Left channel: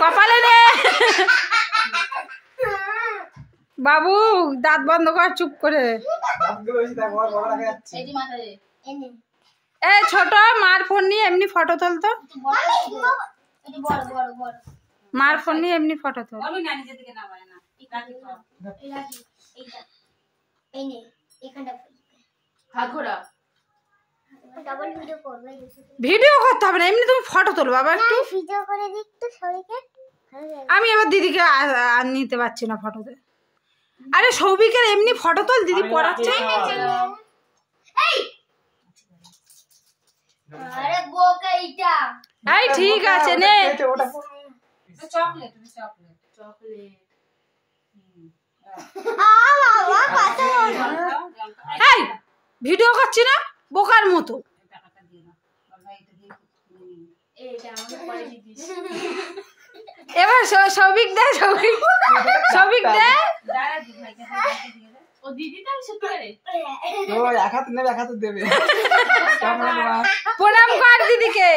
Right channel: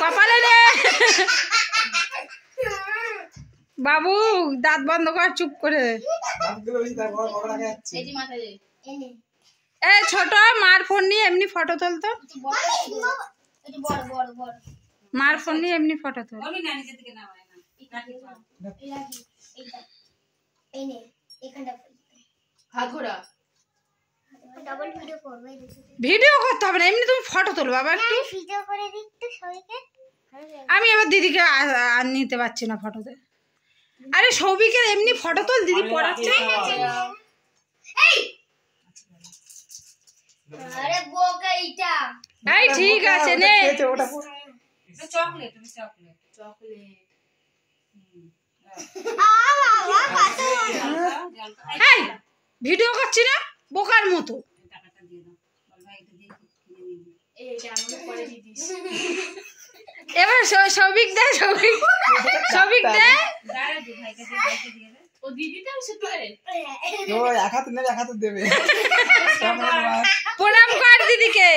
কপালে রে বাবু, দাঁত বন্ধ কর, চুপ করে। এই ছোট, মার ফোন নিয়ে এমনি ফটো তুলতো। মার ফোন নিয়ে এমনি ফটো তোল। ভিডিও করতে হবে না, এমনি তুমি ফটো তোলো বাবা। আমি এবার দিদিকে আর নিতে পারছি না ফটোতে। আরে সৌভিকের এমনি ফটো তোল, দিদি পড়াচ্ছে। ঠিক আছে নে। ভিডিও করছি না বোকার মতো। এবার সৌভিক দে, সৌভিক দে। প্রণাম কর দিদিকে।